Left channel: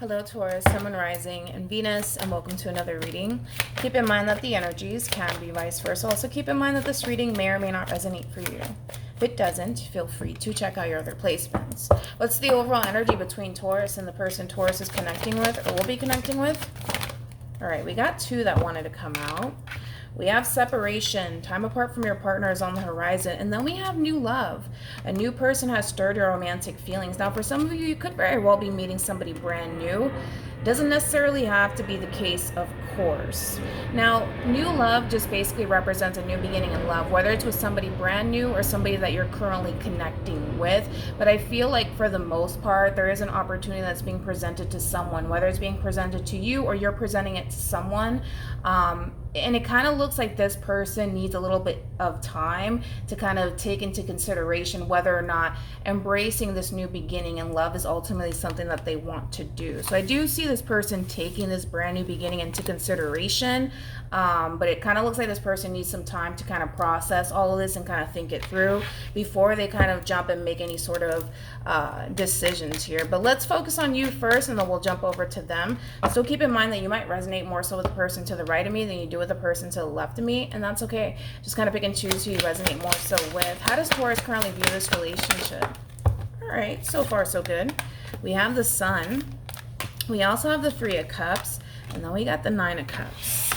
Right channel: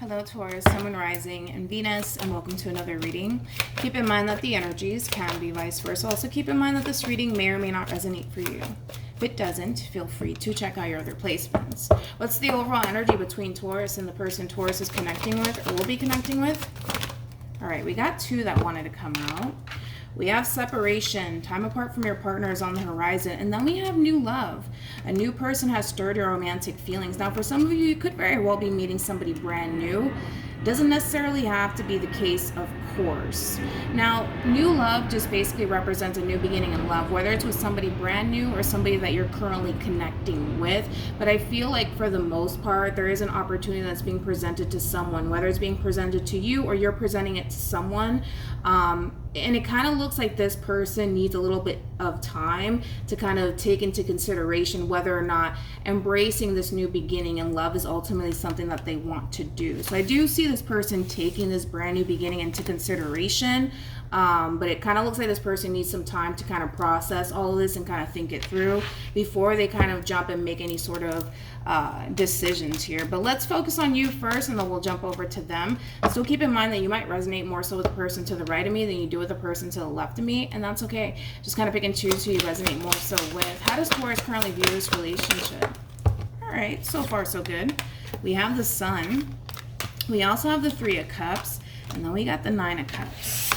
Hello Taurus, Sun, Moon, Rising, and Venus, and welcome to another reading. Keep in mind that the energies can be vice versa. Also keep in mind that this reading may or may not resonate for you. If it doesn't, feel free to check out your other placements. What's the overall energy between Taurus and the person Taurus is connecting with or will be connecting with? All right, we got two that wanted to come out. We have separation, time apart from your partner is on the horizon, and then we have new love. A new person has stirred your romantic feelings. Now, for some of you, you could very well be meeting somebody brand new. Doesn't necessarily have to be the case, of course. Now, new love just basically represents a new beginning in love, whether it's with somebody brand new or somebody that you're currently connecting with. But I feel like for the most part, there is an opportunity that's being presented to someone, whether it's being presented to you or you're presenting it to someone. And it kind of looks like this person needs a little bit of time to kind of take into consideration whether or not embracing this new beginning in love is ultimately something that they want to do. So I do see this person taking this brand new beginning into consideration, but it kind of looks like this person needs some time to kind of process all of this and kind of think it through before they kind of jump and make any sort of decisions here. But let's focus on you first, and then we'll jump over to them. So keep in mind that you might resonate more so with the person to the right of me than you do with the person to the left of me, and that's okay. Just kind of pick and choose who you resonate more so with. How does Taurus currently view this relationship? All right, so far so good. We have the Sun. We also have the Three of Cups, and then we got the Nine of Cups.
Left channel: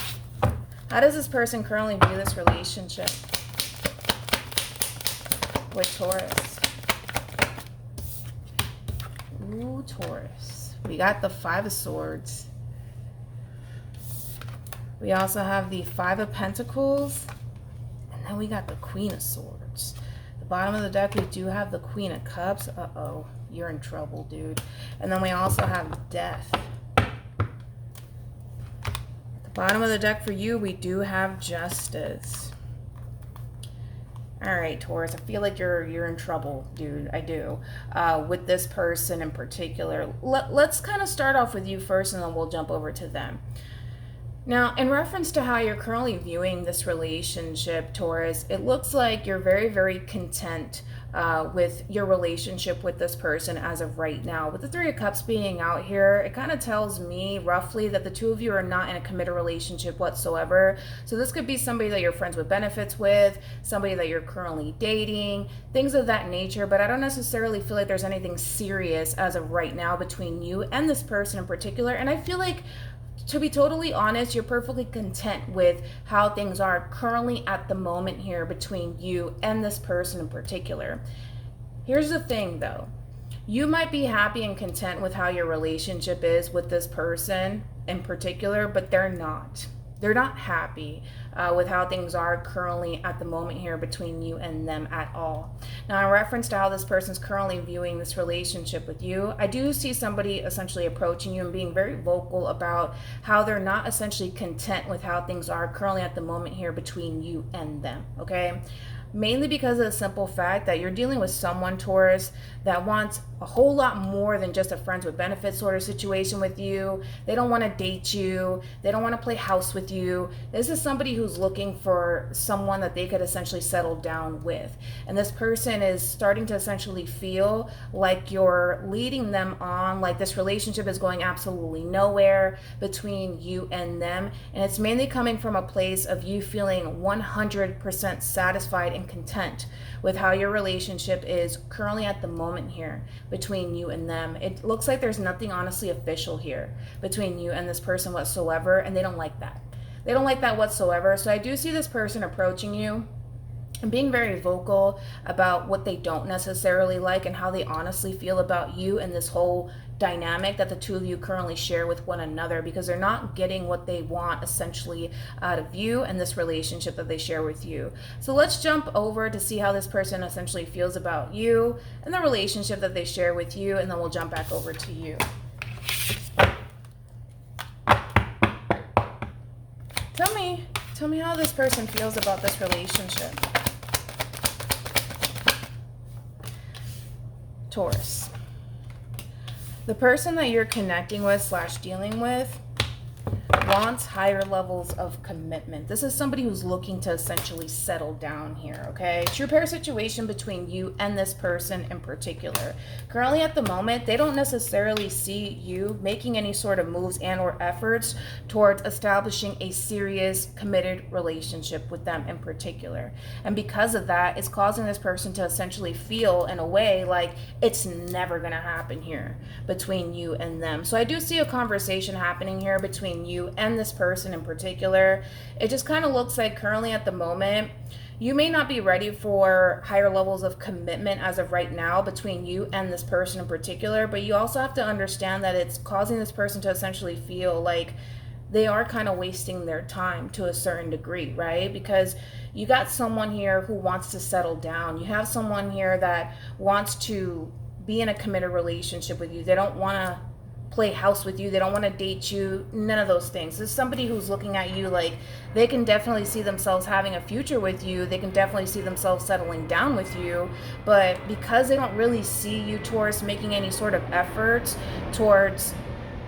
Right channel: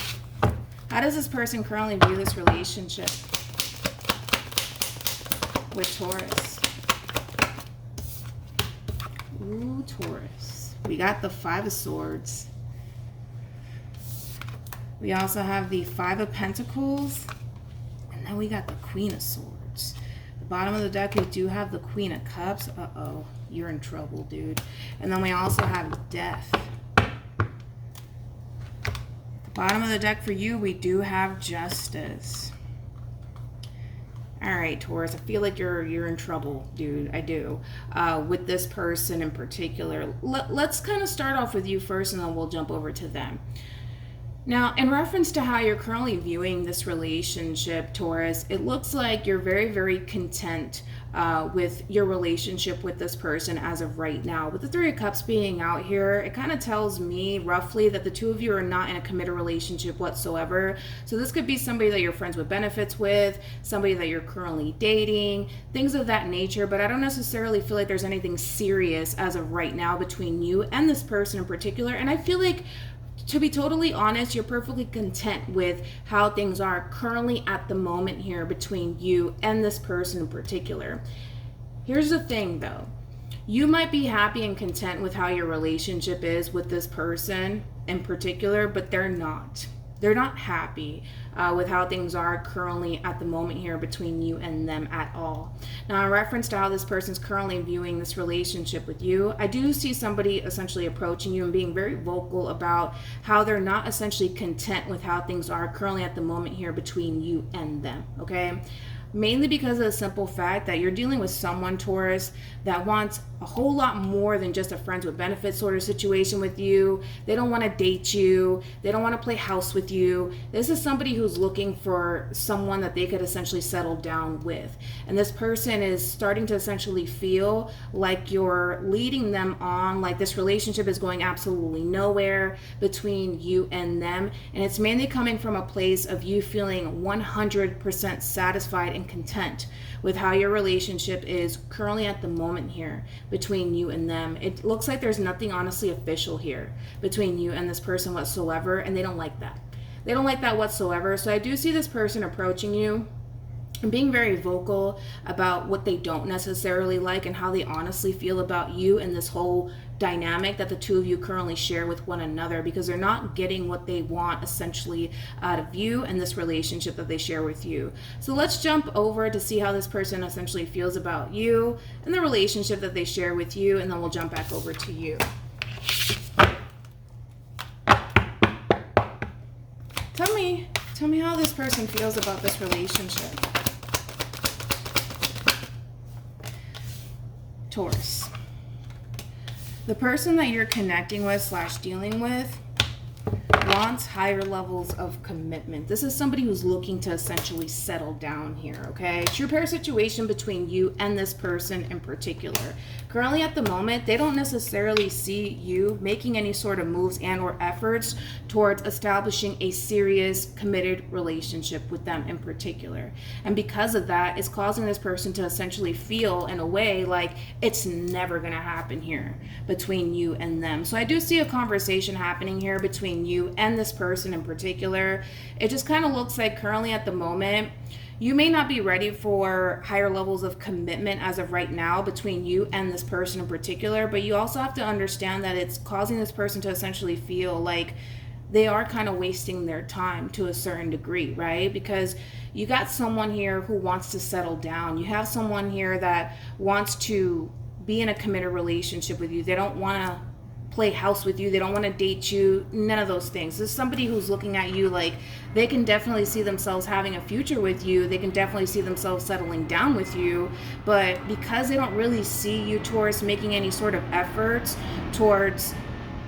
How does this person currently view this relationship with Taurus? Ooh, Taurus. We got the Five of Swords. We also have the Five of Pentacles, and then we got the Queen of Swords. The bottom of the deck, we do have the Queen of Cups. Uh-oh, you're in trouble, dude. And then we also have Death. Bottom of the deck for you, we do have Justice. All right, Taurus, I feel like you're in trouble, dude. I do. With this person in particular. Let's kind of start off with you first, and then we'll jump over to them. Now, in reference to how you're currently viewing this relationship, Taurus, it looks like you're very, very content with your relationship with this person as of right now. With the Three of Cups being out here, it kind of tells me roughly that the two of you are not in a committed relationship whatsoever. So this could be somebody that you're friends with benefits with, somebody that you're currently dating, things of that nature. But I don't necessarily feel like there's anything serious as of right now between you and this person in particular. And I feel like, to be totally honest, you're perfectly content with how things are currently at the moment here between you and this person in particular. Here's the thing though. You might be happy and content with how your relationship is with this person in particular, but they're not. They're not happy with how things are currently at the moment here between you and them at all. Now, in reference to how this person's currently viewing this relationship with you, I do see somebody essentially approaching you and being very vocal about how they're not essentially content with how things are currently at the moment here between you and them, okay? Mainly because of the simple fact that you're dealing with someone, Taurus, that wants a whole lot more than just a friends with benefits sort of situation with you. They don't want to date you. They don't want to play house with you. This is somebody who's looking for someone that they could essentially settle down with. And this person is starting to essentially feel like you're leading them on, like this relationship is going absolutely nowhere between you and them. And it's mainly coming from a place of you feeling 100% satisfied and content with how your relationship is currently at the moment here between you and them. It looks like there's nothing honestly official here between you and this person whatsoever, and they don't like that. They don't like that whatsoever. So I do see this person approaching you and being very vocal about what they don't necessarily like and how they honestly feel about you and this whole dynamic that the two of you currently share with one another, because they're not getting what they want essentially out of you and this relationship that they share with you. So let's jump over to see how this person essentially feels about you and the relationship that they share with you, and then we'll jump back over to you. Tell me how this person feels about this relationship. Taurus. The person that you're connecting with / dealing with wants higher levels of commitment. This is somebody who's looking to essentially settle down here, okay? True pair situation between you and this person in particular. Currently at the moment, they don't necessarily see you making any sort of moves and or efforts towards establishing a serious, committed relationship with them in particular. And because of that, it's causing this person to essentially feel in a way like it's never going to happen here between you and them. So I do see a conversation happening here between you and this person in particular. It just kind of looks like currently at the moment, you may not be ready for higher levels of commitment as of right now between you and this person in particular, but you also have to understand that it's causing this person to essentially feel like they are kind of wasting their time to a certain degree, right? Because you got someone here who wants to settle down. You have someone here that wants to be in a committed relationship with you. They don't want to play house with you. They don't want to date you. None of those things. There's somebody who's looking at you like they can definitely see themselves having a future with you. They can definitely see themselves settling down with you. But because they don't really see you towards making any sort of efforts towards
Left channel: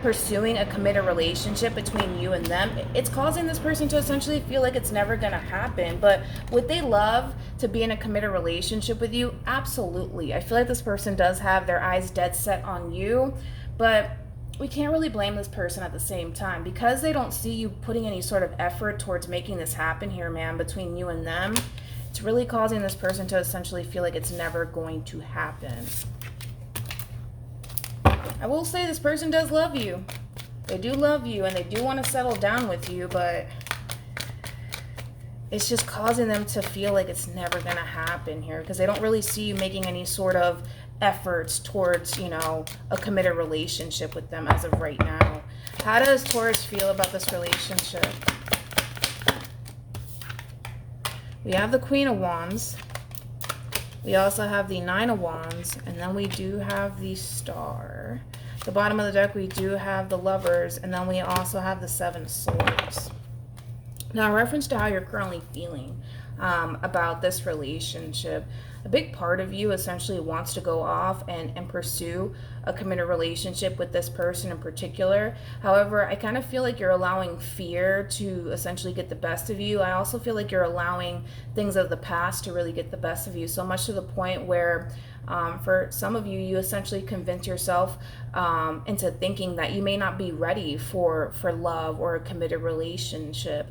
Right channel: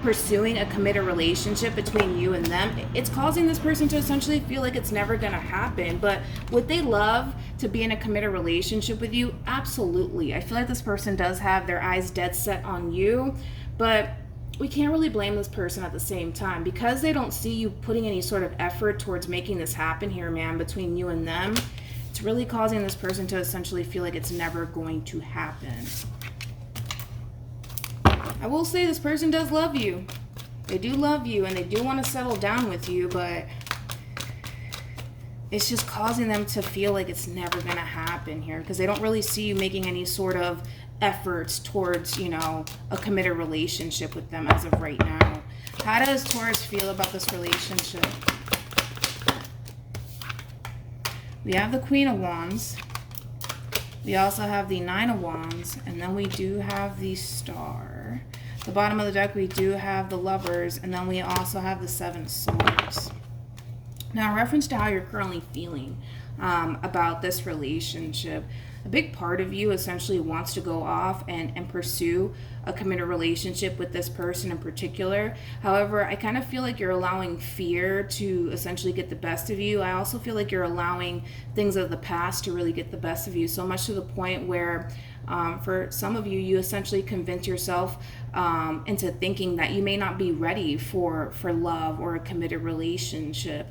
pursuing a committed relationship between you and them, it's causing this person to essentially feel like it's never going to happen. But would they love to be in a committed relationship with you? Absolutely. I feel like this person does have their eyes dead set on you, but we can't really blame this person at the same time because they don't see you putting any sort of effort towards making this happen here, man, between you and them. It's really causing this person to essentially feel like it's never going to happen. I will say this person does love you. They do love you and they do want to settle down with you, but it's just causing them to feel like it's never going to happen here because they don't really see you making any sort of efforts towards, a committed relationship with them as of right now. How does Taurus feel about this relationship? We have the Queen of Wands. We also have the Nine of Wands, and then we do have the Star. The bottom of the deck, we do have the Lovers, and then we also have the Seven Swords. Now, in reference to how you're currently feeling about this relationship, a big part of you essentially wants to go off and pursue a committed relationship with this person in particular. However, I kind of feel like you're allowing fear to essentially get the best of you. I also feel like you're allowing things of the past to really get the best of you, so much to the point where for some of you, you essentially convince yourself into thinking that you may not be ready for love or a committed relationship.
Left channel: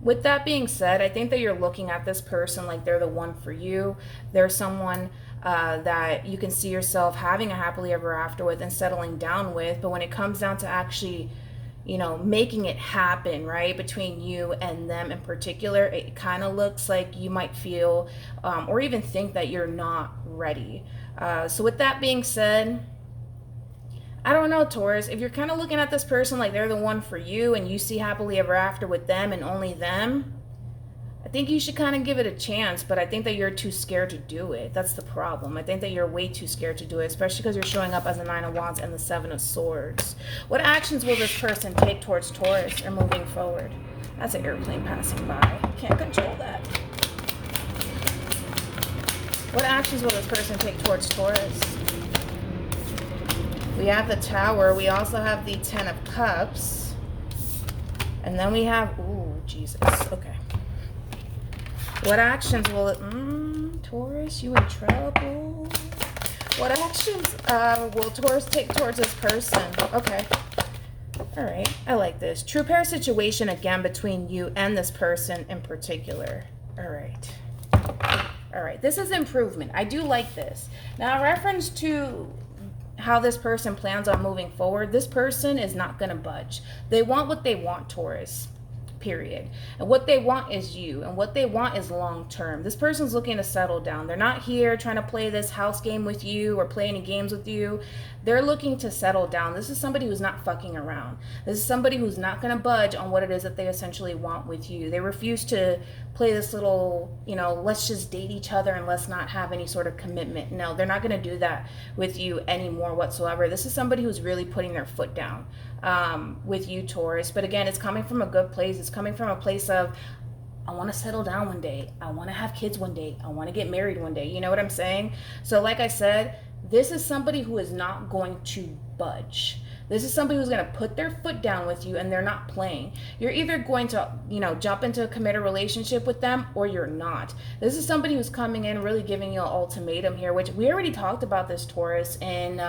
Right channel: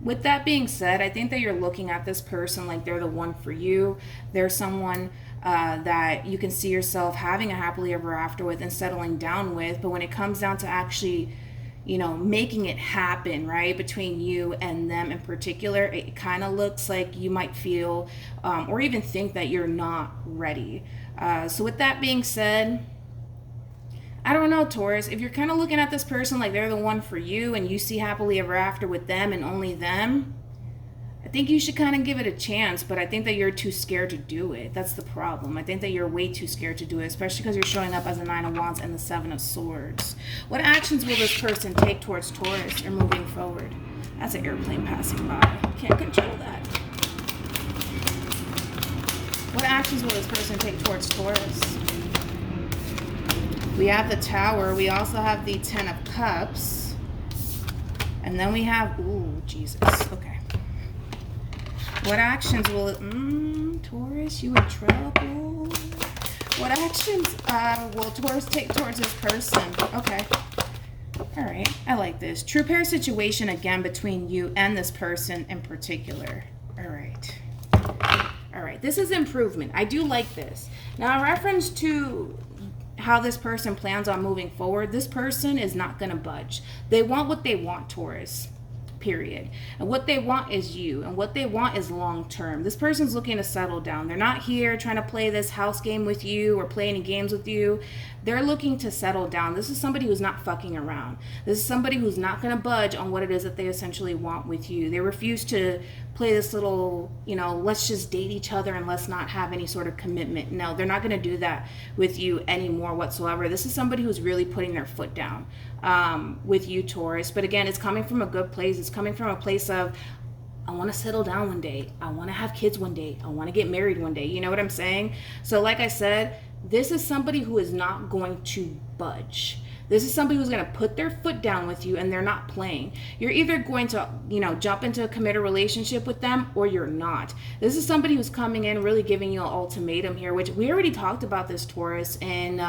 With that being said, I think that you're looking at this person like they're the one for you. They're someone that you can see yourself having a happily ever after with and settling down with. But when it comes down to actually, making it happen, right, between you and them in particular, it kind of looks like you might feel or even think that you're not ready. So with that being said, I don't know, Taurus, if you're kind of looking at this person like they're the one for you and you see happily ever after with them and only them, I think you should kind of give it a chance, but I think that you're too scared to do it. That's the problem. I think that you're way too scared to do it, especially because you're showing up as a Nine of Wands and the Seven of Swords. What actions will this person take towards Taurus and moving forward? That's an airplane passing by. Can't control that. What actions will this person take towards Taurus? We have the Tower. We also have the Ten of Cups. And then we have, ooh, Jesus. Okay. What actions will it... Taurus, you in trouble. What actions will Taurus take towards this person? Okay. All right. I like this. True pair situation again between you and this person in particular. All right. All right. This is improvement. I do like this. Now, in reference to how this person plans on moving forward, this person is not going to budge. They want what they want, Taurus. Period. And what they want is you, and what they want is long term. This person's looking to settle down. They're not here trying to play this house game with you or play any games with you. They're looking to settle down. This is somebody who's not fucking around. This is somebody who's not going to budge on what it is that they essentially want with you. They refuse to play this little, let's just date each other and let's not have any sort of commitment. No, they're not going to do that with you anymore whatsoever. This is somebody who's really putting their foot down with you, Taurus. But again, it's coming from a good place. It's coming from a place of, I want to settle down one day. I want to have kids one day. I want to get married one day. You know what I'm saying? So like I said, this is somebody who is not going to budge. This is somebody who's going to put their foot down with you, and they're not playing. You're either going to, jump into a committed relationship with them, or you're not. This is somebody who's coming in really giving you an ultimatum here, which we already talked about this, Taurus, and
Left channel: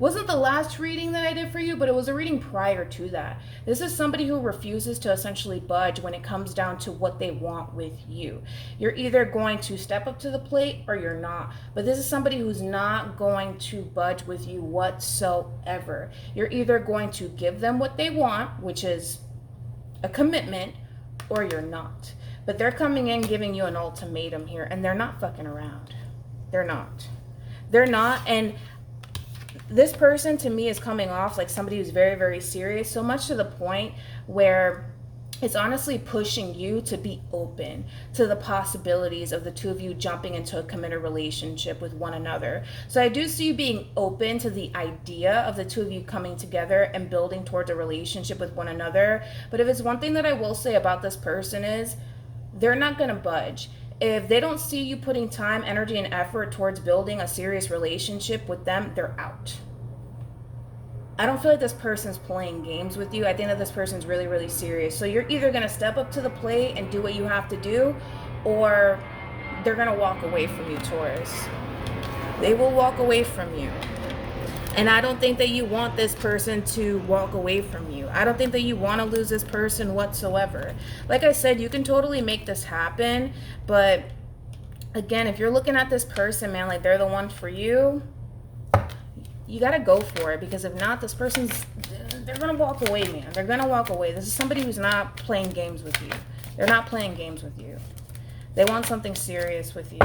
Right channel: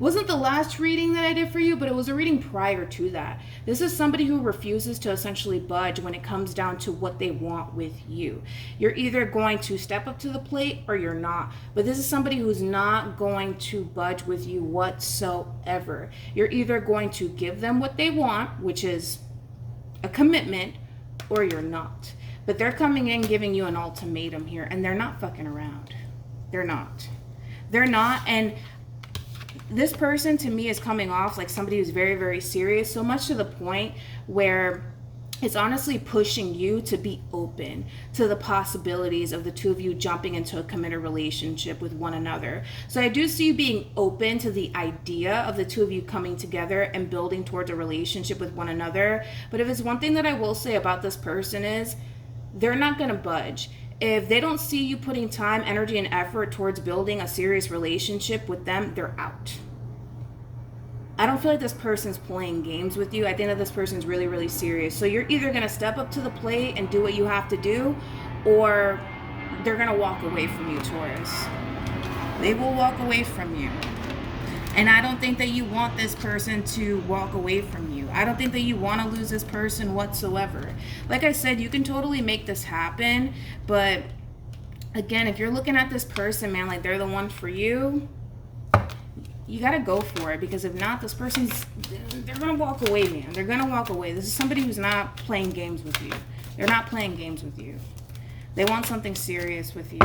wasn't the last reading that I did for you, but it was a reading prior to that. This is somebody who refuses to essentially budge when it comes down to what they want with you. You're either going to step up to the plate or you're not. But this is somebody who's not going to budge with you whatsoever. You're either going to give them what they want, which is a commitment, or you're not. But they're coming in giving you an ultimatum here, and they're not fucking around. They're not. They're not, and this person to me is coming off like somebody who's very, very serious, so much to the point where it's honestly pushing you to be open to the possibilities of the two of you jumping into a committed relationship with one another. So I do see you being open to the idea of the two of you coming together and building towards a relationship with one another. But if it's one thing that I will say about this person is they're not going to budge. If they don't see you putting time, energy, and effort towards building a serious relationship with them, they're out. I don't feel like this person's playing games with you. I think that this person's really, really serious. So you're either going to step up to the plate and do what you have to do, or they're going to walk away from you, Taurus. They will walk away from you. And I don't think that you want this person to walk away from you. I don't think that you want to lose this person whatsoever. Like I said, you can totally make this happen. But again, if you're looking at this person, man, like they're the one for you, you got to go for it. Because if not, this person's, they're going to walk away, man. They're going to walk away. This is somebody who's not playing games with you. They're not playing games with you. They want something serious with you.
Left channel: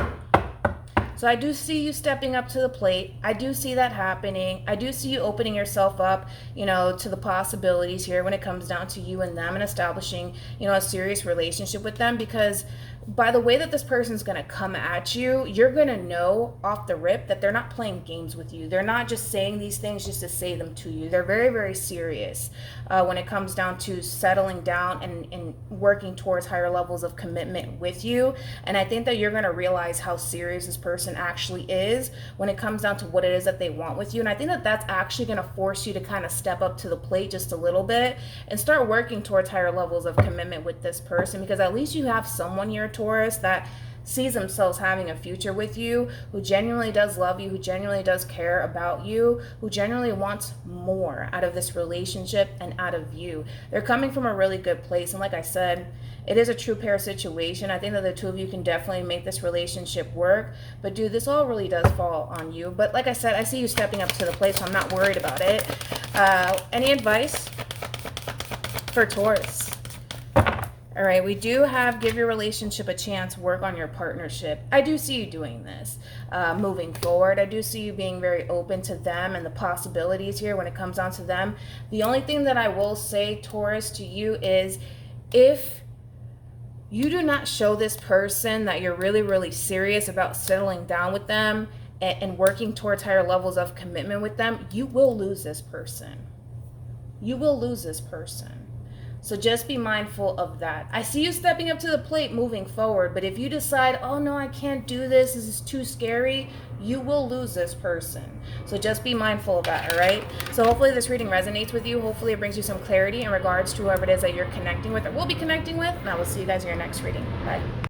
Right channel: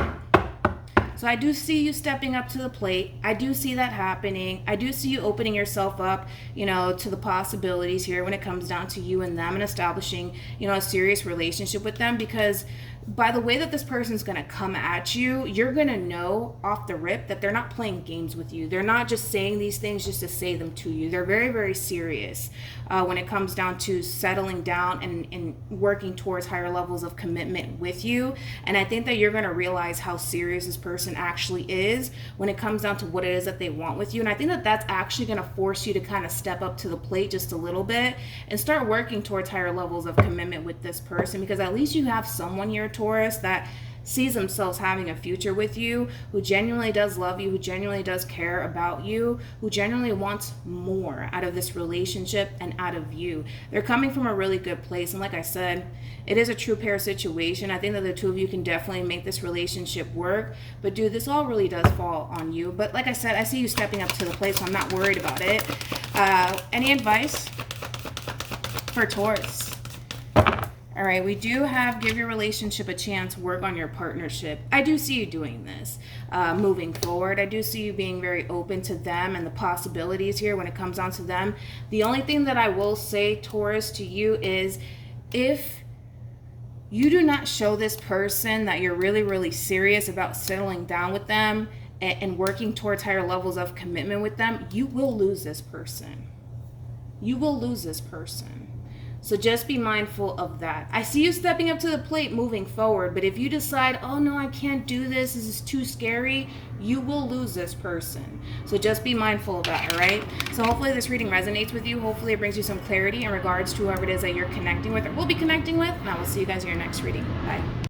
So I do see you stepping up to the plate. I do see that happening. I do see you opening yourself up, to the possibilities here when it comes down to you and them and establishing, a serious relationship with them, because by the way that this person's going to come at you, you're going to know off the rip that they're not playing games with you. They're not just saying these things just to say them to you. They're very, very serious when it comes down to settling down and working towards higher levels of commitment with you. And I think that you're going to realize how serious this person actually is when it comes down to what it is that they want with you. And I think that that's actually going to force you to kind of step up to the plate just a little bit and start working towards higher levels of commitment with this person, because at least you have someone here, Taurus, that sees themselves having a future with you, who genuinely does love you, who genuinely does care about you, who genuinely wants more out of this relationship and out of you. They're coming from a really good place. And like I said, it is a true pair situation. I think that the two of you can definitely make this relationship work. But dude, this all really does fall on you. But like I said, I see you stepping up to the plate, so I'm not worried about it. Any advice for Taurus? All right, we do have give your relationship a chance, work on your partnership. I do see you doing this moving forward. I do see you being very open to them and the possibilities here when it comes down to them. The only thing that I will say, Taurus, to you is if you do not show this person that you're really, really serious about settling down with them and working towards higher levels of commitment with them, you will lose this person. You will lose this person. So just be mindful of that. I see you stepping up to the plate moving forward, but if you decide, oh no, I can't do this, this is too scary, you will lose this person. So just be mindful of that, all right? So hopefully this reading resonates with you. Hopefully it brings you some clarity in regards to whoever it is that you're connecting with or will be connecting with. And I will see you guys in your next reading. Bye.